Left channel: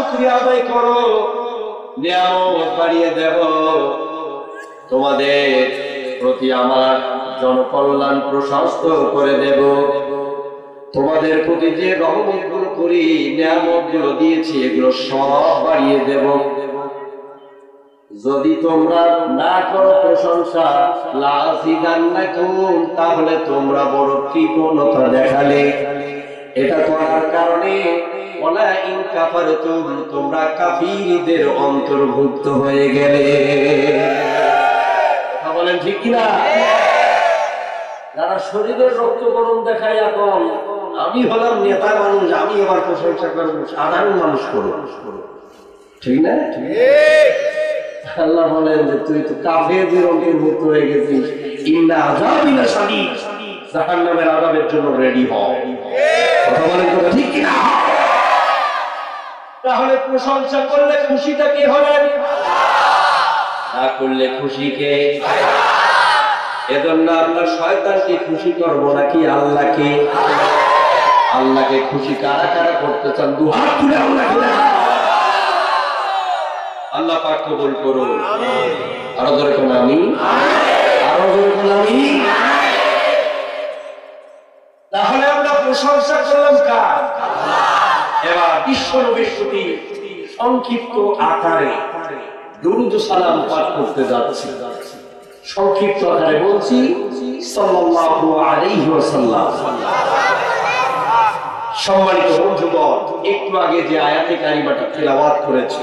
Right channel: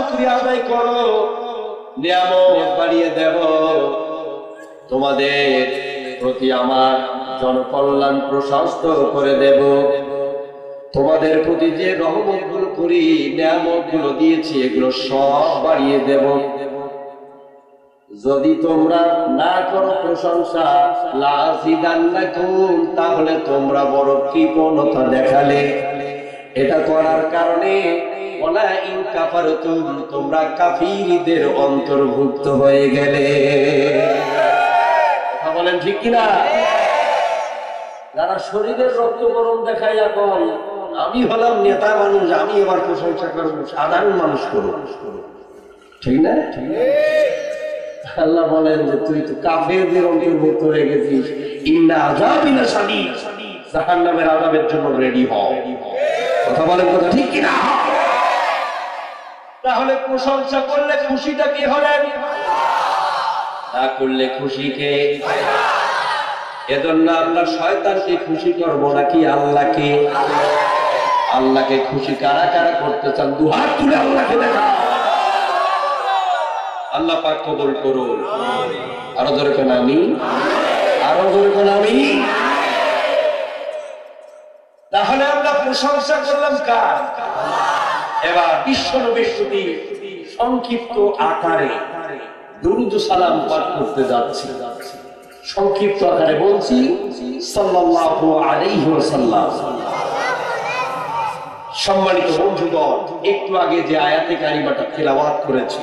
শুকরিয়া আদায় করো, নিয়ামত বাড়িয়ে দেব, তোমাদের প্রতি আমার জনকল্যাণ প্রশস্ত করে দেব, তোমাদের প্রতি যে রহমত গুলো করি, নিয়ামত গুলো দিয়েছি, এগুলো সব বাড়িয়ে দেব। যদি তোমরা না করো প্রশংসা, লাযিদান্নাকুম, তাহলে তোমরা বড় কৃপণতা দেখালে। এটা করার কারণে ওয়ালা ইন কাফারতুম, তোমরা কাফিরদের অন্তর্ভুক্ত হয়ে গেলে। কথা বলেন ঠিক কিনা? যারা শরীরের রক্ত গরম দেখায়, এখন আমি হলাম নেতা মানুষ, আমি এবার প্রশংসা করব, সাধারণ মানুষ করব, ঠিক না? আল্লাহ বলেন যে তুই তো কাফেরদের অন্তর্ভুক্ত হয়ে গেছিস। ইন্না আযাবিনা শাদীদ, জাহান্নামের আযাবের জন্য রেডি হও। কথা বলেন কথা ঠিক কিনা? তাহলে প্রশংসা করলে খুশিটা কে হলেন? না করলে খুশি কে? এজন্য আমরা শয়তানকে খুশি করব নাকি আল্লাহকে? আল্লাহকে খুশি কারা কারা করতে চান? দুহাত তুলে আল্লাহকে দেখান। আল্লাহ পাক কবুল করুন। আরো জোরে কোন আমিন, আরো জোরে কোন আমিন। তাহলে আমরা প্রশংসা করলাম কার? এবার বিশ্ব নবীর প্রতি সংক্ষিপ্ত আকারে দুরূদ সালাম পাঠ করতে যাচ্ছি। সংক্ষিপ্ত আকারে বলছি সাল্লাল্লাহু আলাইহি ওয়াসাল্লাম। সম্মানিত বন্ধুগণ, একটু আগে যে আয়াতে কারিমাটা তেলাওয়াত করেছি,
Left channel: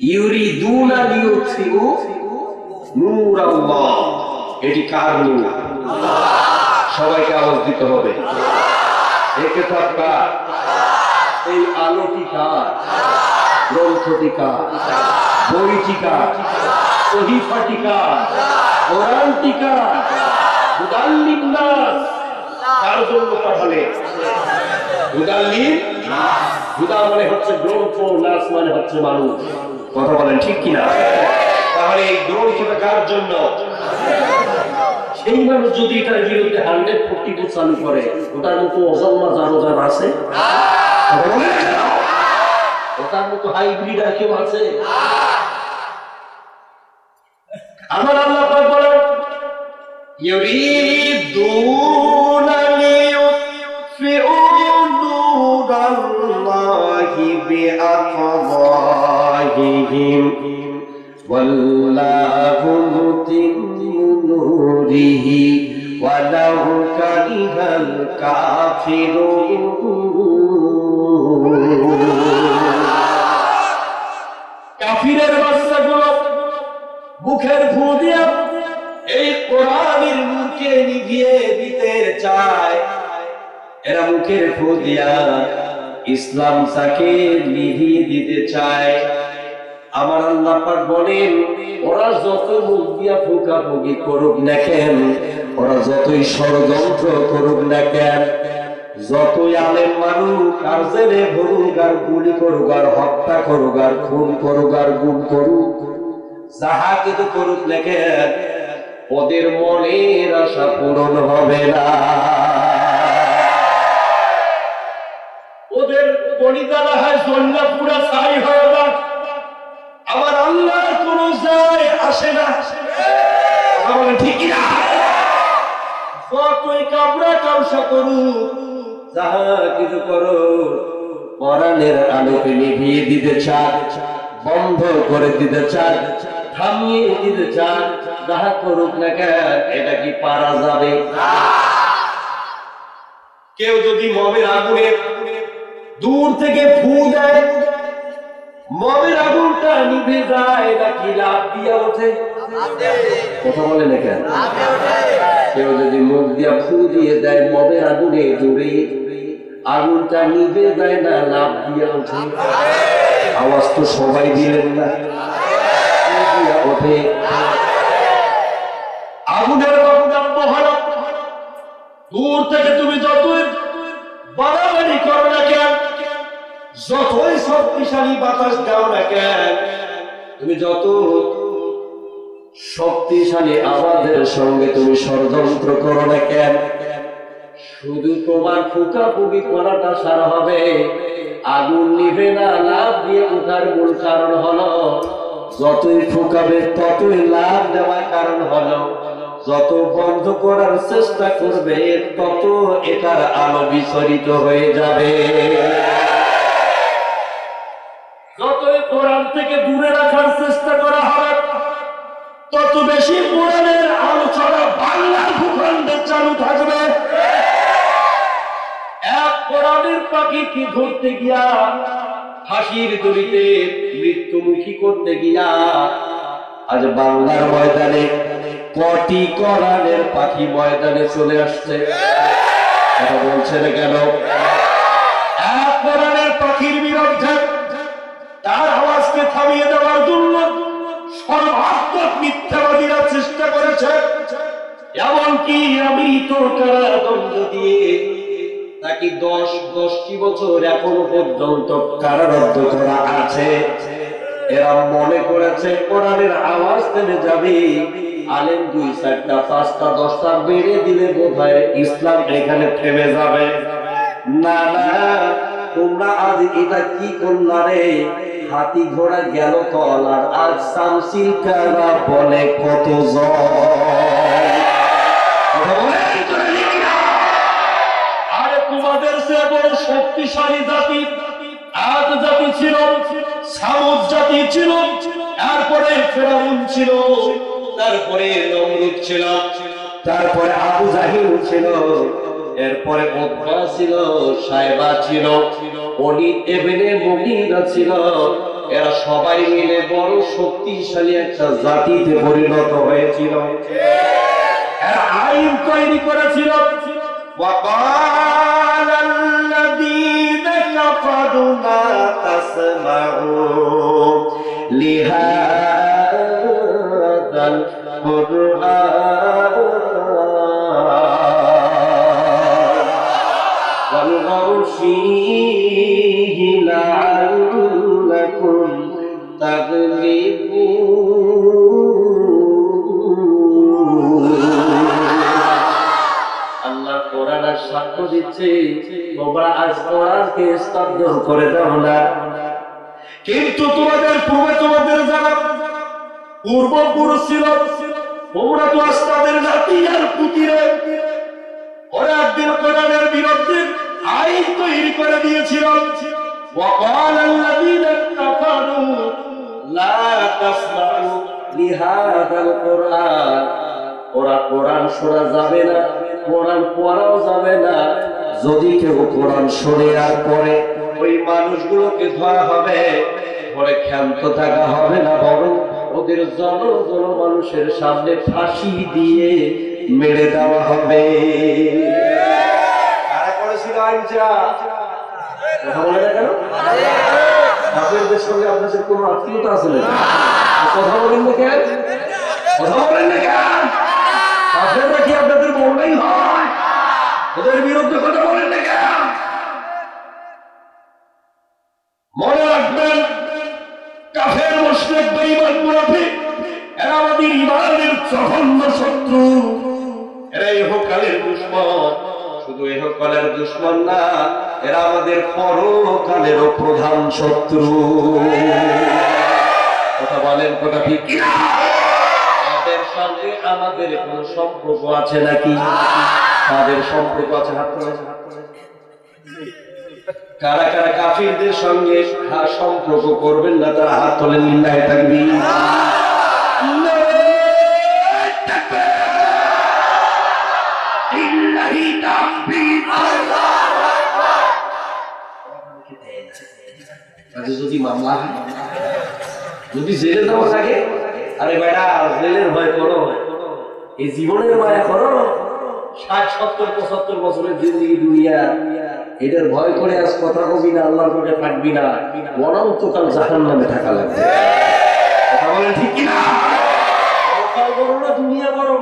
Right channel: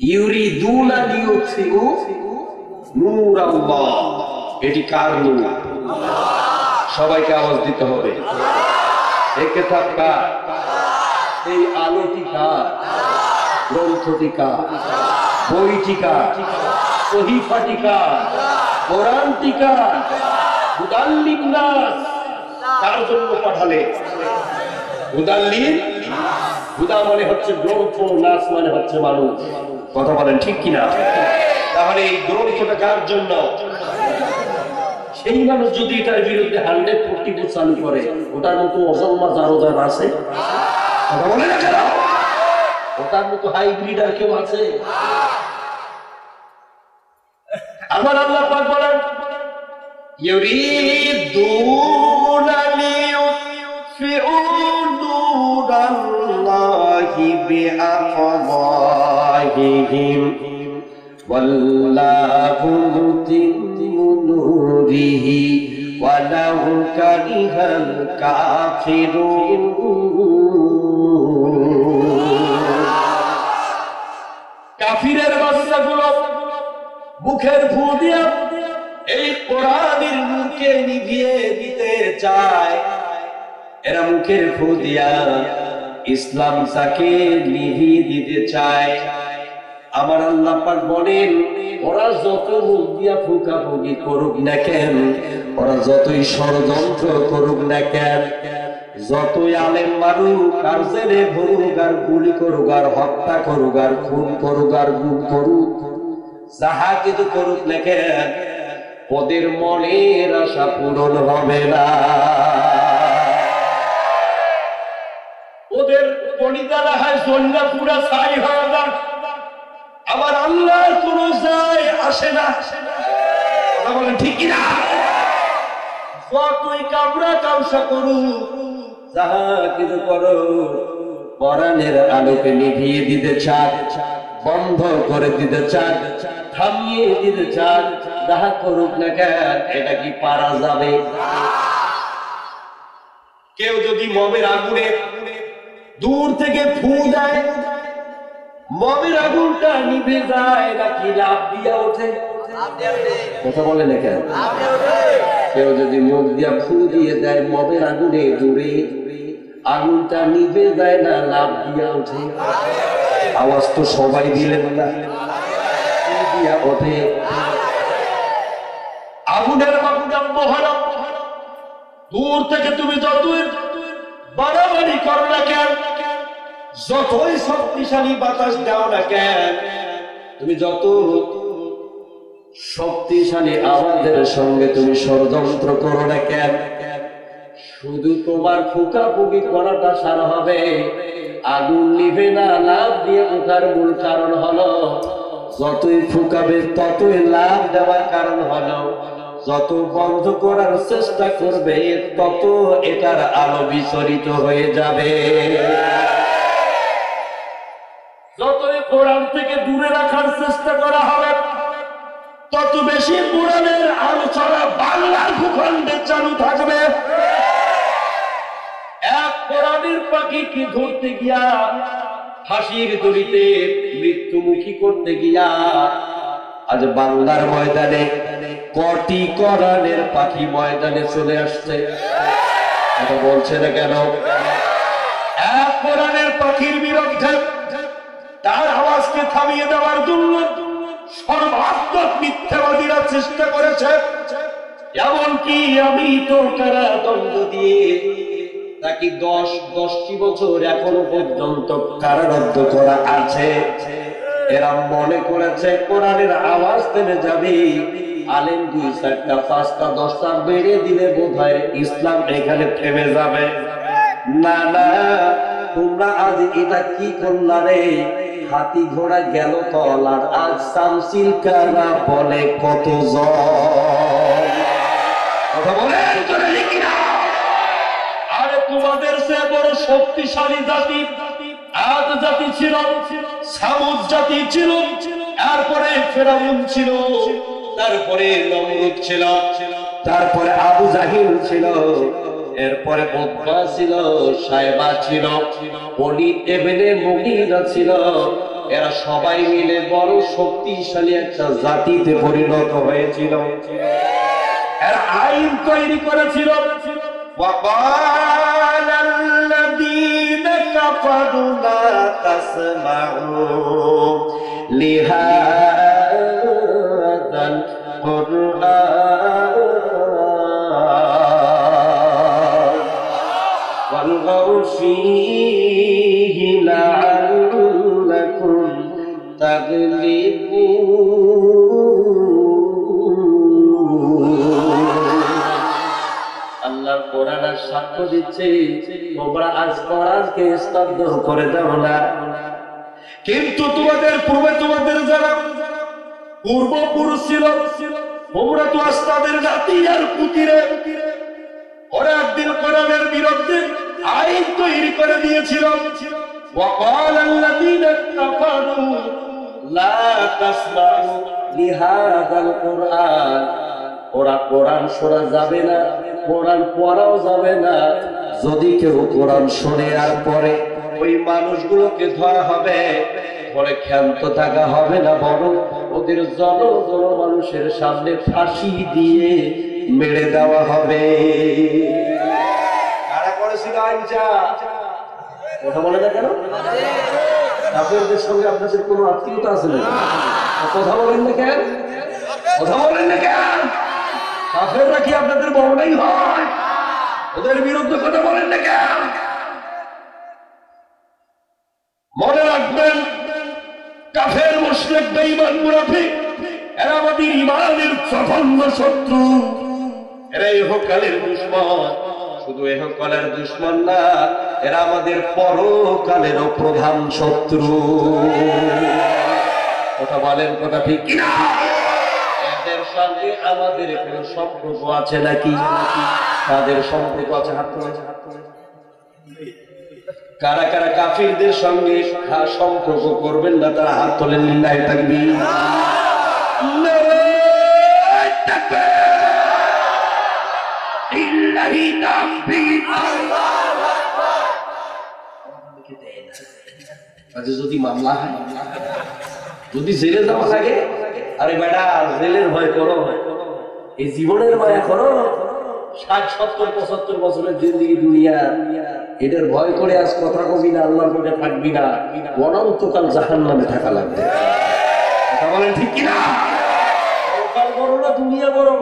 ইউরিদুনা লিউতফিউ নূরাল্লাহ, এটি কার নূর? সবাইকে আওয়াজ দিতে হবে। একে থাকা এই আলোটি কার? গ্রন্থটি কার? বইটি কার? সহিফাটি কার? কোরআনটি কার? হুদাল লিন্নাস, কার জন্য পাঠালে? হুদাল লিন্নাস। হুদা মানে হচ্ছে গ্রন্থ, নাস মানে হচ্ছে মানুষ। কথা বলেন ঠিক কিনা? তাহলে এই গ্রন্থটা কার জন্য? সেই মানুষ যদি এটার বিরুদ্ধে 140 চালু করে, ওটার মতো অজন্মা জারোদার আছে? ওটার মতো হাইব্রিড আর কেউ আছে? আমার আল্লাহ পাক বলেন ইউরিদুনা লিউতফিউ নূরাল্লাহি বিআফওয়াহিহিম ওয়াল্লাহু মুতিম্মু নূরিহি ওয়ালাউ কারিহাল কাফিরুন। কাফিরের বাচ্চাগুলো মুখের ফু দিয়া এই কোরআনের নূরকে নিভিয়ে দিতে চায়। এরা মুখের ফু দিয়া ইসলামটাকে নিভিয়ে দিতে চায়। আমার আল্লাহ পাক বলেন, ওরা যত মুখ দিয়া ফুকাফুকি করুক না কেন, ওরা যতই ষড়যন্ত্র করুক না কেন, যতই আলেম মারুক আর জেলে ভরুক আর গুলি করুক আর হত্যা করুক আর খুন করুক আর গুম করুক, যাহা কিছু করুক না কেন, ওদের মনের আশা পূরণ হবে না। ওদের কলিজারা হয় জন্না পুরা ছাই হয়ে যাক, আমার আল্লাহর কোন যায় আসে না। ঠিক না? যতই কাবরা কামসা করুক, যাহা কিছু করো, কোরআনের আলোকে নিভিয়ে দিতে চান, বন্ধ করে দিতে চান, থামিয়ে দিতে চান, যাহা করুক না কেন, এটা কি পারা যাবে? কেউ যদি মমের আগুনে দূর থেকে ফু দেয়, মমের আগুনটা নিভে যায় নাকি লাফ দিয়া ওঠে? কথা বলে না কেন? কেউ যদি মুখ দিয়া ফু দিয়ে দেয় মমের আগুনে, দূরে আগুনটা নিভে যায় না লাফ দিয়া ওঠে? আওয়াজ তো সবাই দিলেন না। ওঠে আগুনের বাবুদাম মহারম, দূর থেকে তুমি যতই বাড়াবাড়ি করো না কেন, যতই শক্তিশালী বাতাস দাও না কেন, তুমি যত শক্তিশালী আওয়াজের সঙ্গে তুমি ষড়যন্ত্র করো না কেন, শুধু তোমার ফুকাফুকি করাটা সারা হবে, আগুন নিভে না, লাভ দিয়ে ওঠার মূল কারণ হলো যতই ফুকাবে ততই লাভ দেওয়ার কারণ হলো যত বন্ধ করার চেষ্টা করবে তত এটার আলো বিচরিত হয়ে যাবে। যতই কোরআন থেকে দূরে রাখার চেষ্টা করা হবে তত বেশি কোরআনের আলোচনা বাংলার ভূখণ্ডে চালু থাকবে। এক কোরআনের পাখিকে ধরতে গিয়া ফাঁসির দড়িতে মৃত্যুমুখী করতে গিয়া আজ বাংলার ময়দানে কটি কোরআনের পাখি ময়দানে চলে আসছে। এটা বলছে না কেন? এক কোরআনের পাখির বিরুদ্ধে তার আওয়াজকে থামিয়ে দেওয়ার জন্য সর্বাত্মক মিথ্যাবাদীরা চেষ্টা করেছে। এমনকি আমি তো কারাদণ্ড দিয়ে তাকে 10টি বছর এখনো পর্যন্ত কারারুদ্ধ করা আছে। এরা মনে করেছে কোরআনের আওয়াজ থেমে যাবে, আলেম 2, 4, 5, 10টা বেড়ে দিলে বোধহয় ইসলাম এখানে থেমে যাবে। না না, তোমরা আজ এটা কি করলা রে? হাতি ঘোড়া গেল তলার, আজ শামসিল কারা বলে কত আরে তোমাদের সে বড় শক্তিশালী জাতি আদ জাতি ছিল, সামুদ জাতি ছিল, তারপরে ফেরাউন ছিল, তারপরে নমরুদ ছিল, তারপরে আবু জাহিল ছিল, এরপরে উতবা ছিল, সাইবা ছিল, ওলীদ ইবনে মুগীরা ছিল। এরা সবাই মিলে বড় শক্তিশালী একটা জাতিতে পরিণত হয়েছিল। এরা আইন তৈরি করেছিল। وقال الذين كفروا لا تسمعوا لهذا القرآن والغوا فيه لعلكم تغلبون। আল্লাহ কোরআন সাক্ষ্য দিচ্ছে তোমরা আজ কোরআনকে স্তব্ধ করে দাও না, কিন্তু তোমাদের পূর্বে তোমাদের যারা পূর্বপুরুষ ছিল তোমরা তো আজ তাদের জাতি আর পুতিরে ওরা একদিন কোরআনের বিরুদ্ধে আইন তৈরি করে দিয়েছিল। وقال الذين كفروا لا تسمعوا لهذا القرآن। ওরা কোরআন শোনা যাবে না, কোরআন পড়াও যাবে না। যদি কেউ কোরআন শুনে আর পড়ে ওই মানুষগুলোকে ধরা হবে, পরে ক্ষান্ত থাকা হবে না, বরং ওদের জন মানুষের সামনে ফাঁসি দিয়ে মেরে দেওয়া হবে। কারা করেছিল আইনটা? কথা বলে না কেন? আপনাদের সঙ্গে আপনাদের কোনো আত্মীয়তা আছে না? কথা বলেন না কেন? কথা বলেন না কেন? কাফেররা কি আপনাদের বড়ই হয়? ওদের বিরুদ্ধে কথা বলেন না কেন? মনে রাখবেন, কাফের, মুশরিক, বেঈমান, মুনাফিক এরা আমাদের ঈমানের জঘন্য শত্রু। এরা ইহকালের দুশমন। শুধু ইহকালের দুশমন না, এরা আমাদের পরকালেরও প্রধান শত্রু। কথা বলেন, কথা ঠিক কিনা? এদের সঙ্গে আমাদের কোনো সম্পর্ক আছে নাকি? তাদের সম্পর্ক আছে। হাত তোলেন। কারা কারা কাফিরদের সঙ্গে সম্পর্ক করবেন না তারা হাত তোলেন। লিল্লাহি তাকবীর। লিল্লাহি তাকবীর। আজ যদি মামলা হয়, যদি জেলে যাওয়া থাকে, আরে বেটা জেলের ভয় করো, এই জীবনের মায়া করো। 60, 70, 75 বছরের জিন্দেগি দুনিয়া, এটার ভয় করে আজ কথা কবি না, আল্লাহর পথে থাকবি না, অনন্তকাল জাহান্নামে থাকা লাগবে। কথা বলেন ঠিক কিনা? পরকাল করো না দুনিয়া করো?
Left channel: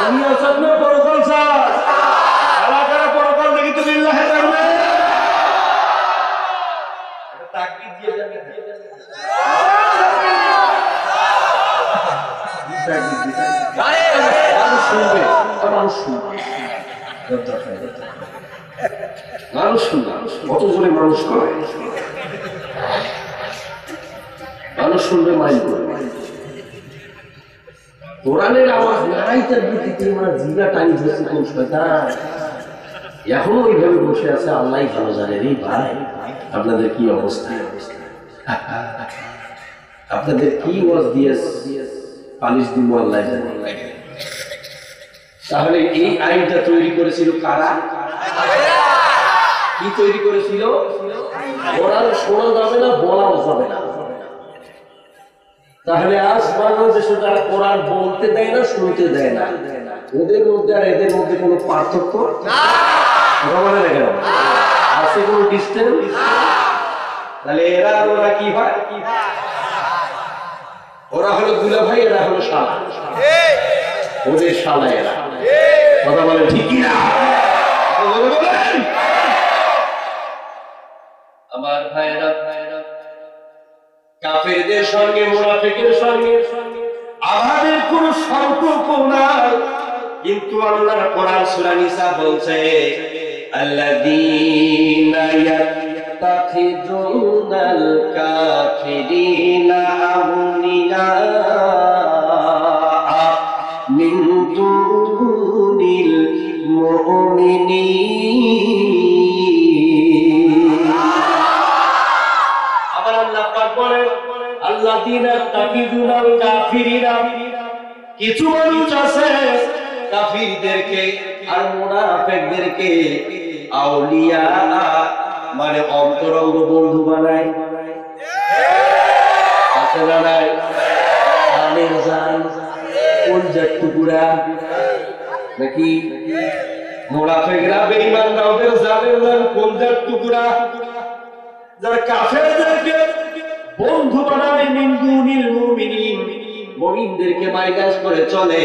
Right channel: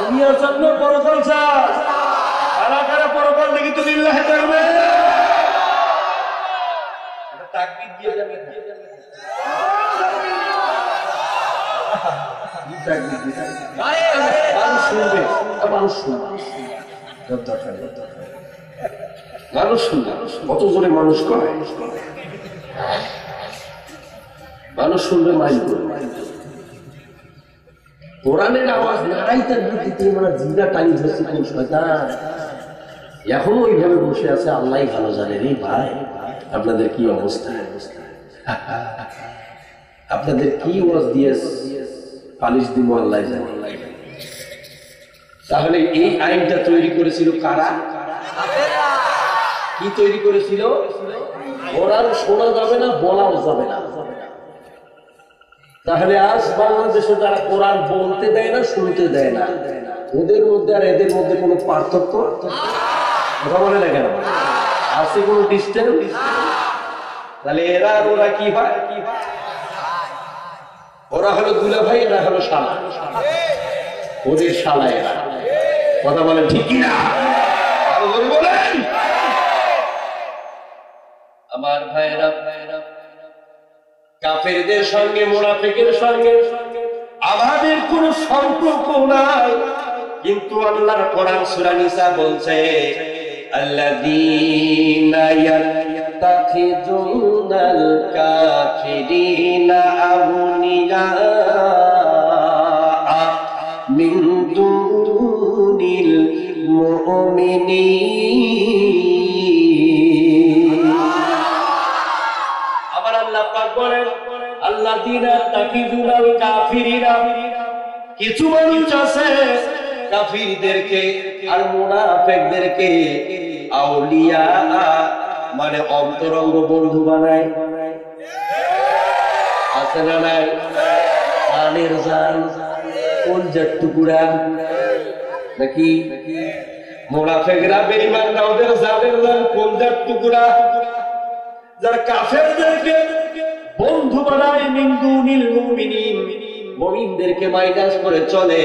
দুনিয়া চান না পরকাল চান? কারা কারা পরকাল দেখি তো লিল্লাহি তাকবীর। তাকবীর দিয়ে যাবে। মানুষ শুনবে, মানুষ শুনবে। মানুষ শুনবে, কত জোরে মানুষ করে, মানুষ শুনবে, মাইল করবে। কোরআনের আওয়াজ নাড়াইতে দিতে আমার জিগা টাইম ধরছে কোন শয়তান এখনো ওইভাবে বসে আছে। আল্লাহ ভালো জানে রে ভাই, আপনাদের কি অবস্থা, আপনাদের কি ওয়াজ দিয়ে পালিশ দিব আল্লাহ জানে। তাহলে এই আইনটা তৈরি করেছিল কারা? কি তৈরি করেছিল? কোরআন শোনা যাবে না, বলাও যাবে না। তাহলে আজ বাংলাদেশে যারা কোরআন বলতে দেয় না, শুনতে দেয় না, ওদের মধ্যে আর এদের মধ্যে কোনো পার্থক্য বলে না কেন? আছে কোনো ডিস্টেন্স? তাহলে এরা ওরা কি হয়? ওরা হলো দুলা ভাই, এরা হলো শালা, ওদের শালা এরা। কথা বলেন ঠিক কিনা? আমার ভাইরা, কাফেরদের সঙ্গে মুনাফিকের সঙ্গে আমাদের কোন সম্পর্ক নাই, কিন্তু আল্লাহর কোরআন সূরা নিসা বলছে আল্লাযীনা ইয়াত্তাখিযুনাল কাফিরিনা আউলিয়া মিন দুনিল মুমিনিন। আবার আল্লাহ পাক বলেন আল্লাযীনা ইয়াত্তাখিযুনাল কাফিরিনা, কিছু মানুষ আছে কাফিরদেরকে আর মুনাফিকদেরকে আউলিয়া মানে অন্তরঙ্গ বন্ধু বানায়। আছে না নাই? জানের জান, কলজার টুকরা নাকি? মুনাফিকরা বেঈমানরা ওদের জানের জান, কলজার টুকরা। যারা কাফেরদেরকে বন্ধু বানায় মিন দুনিল মুমিনিন, মুমিনদেরকে মাইনাস করে চলে।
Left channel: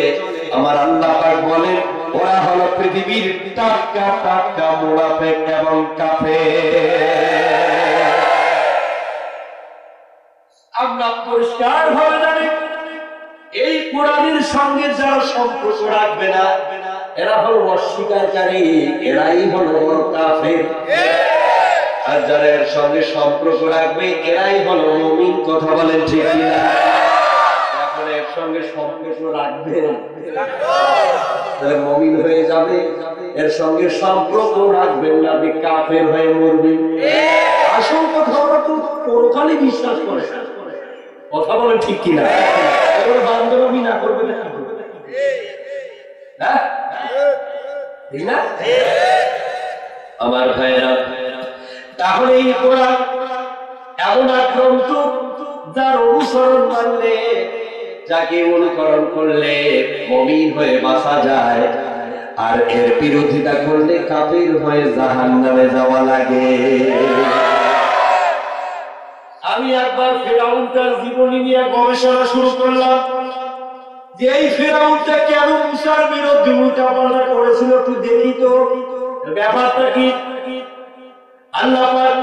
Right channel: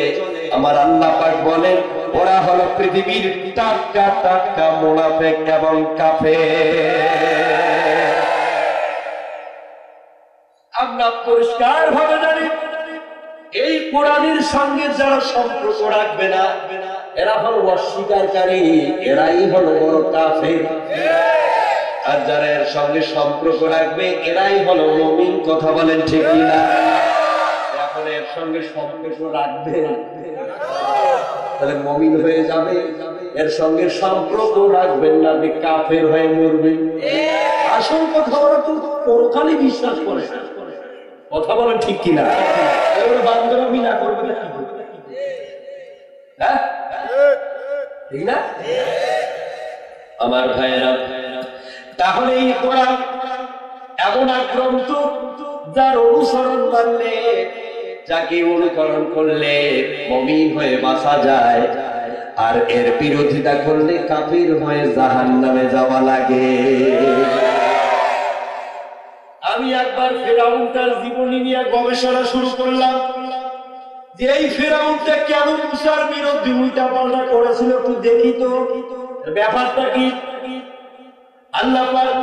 আমার আল্লাহ পাক বলেন ওরা হলো পৃথিবীর টাটকা টাটকা মুনাফিক এবং কাফের। আমরা পরিষ্কার ভাবে জানি এই কোরআনের সঙ্গে যারা সম্পর্ক রাখবে না, এরা হলো অস্বীকারী, এরাই হলো বড় কাফের। আর যারা এর সঙ্গে সম্পর্ক রাখবে এরাই হলো মুমিন। কথা বলেন ঠিক কিনা? এখন এর সঙ্গে সম্পর্ক রাখবে তাহলে মুমিন হয়ে যাবে, এর সঙ্গে সম্পর্ক রাখবেন না, কাফের হয়ে মরবে। আসল কথা ওরা তো পরকালে বিশ্বাস করে। কথা বলেন ঠিক কিনা? বান্ধবী না করবে না, ঠিক না আমার ভাইয়েরা? তাহলে এই কোরআন এমন গ্রন্থ যার অনুসরণ মানলে, যাকে অনুকরণ করলে মুমিন হয়ে বাঁচা যায়, আর এর বিরোধিতা করলে কাফির হয়ে জাহান্নামে যাওয়া লাগে। আমি একবার ফিরআউনটার জীবনী নিয়ে গবেষণা শুরু করলাম যে এই ফিরআউনটা কেন মুসার বিরুদ্ধে উল্টাপাল্টা করেছিল, একটু দেখি তো ব্যাপারটা কি। আল্লাহ পাক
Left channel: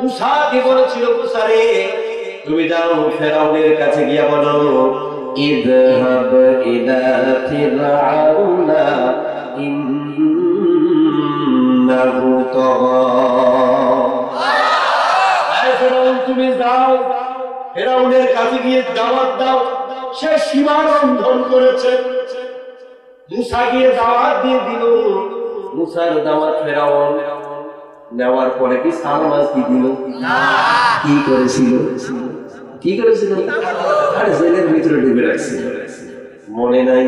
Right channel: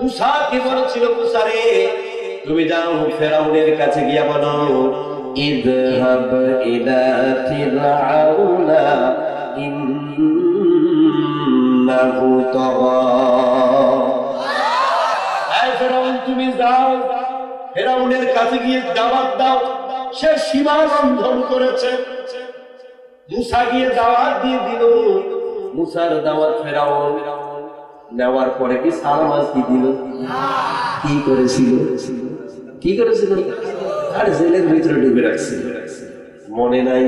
মুসাকে বলেছিল, মুসা রে তুমি যাও ফিরআউনের কাছে গিয়ে বলো ইযহাব ইলা ফিরআউনা ইন্নাহু তাগা। এই ফিরআউন তুমি যাও ফিরআউনের কাছে গিয়ে দাওয়াত দাও, সে সীমা লঙ্ঘন করেছে। মুসা গিয়ে দাওয়াত দিয়ে দিল। মুসার দাওয়াত ফিরআউন নেওয়ার পরে কি সালাম কি দিল? কি করেছিল? কি করেছিল? আর জেলের ভিতরে ঢুকে রাখছিল, মনে নাই?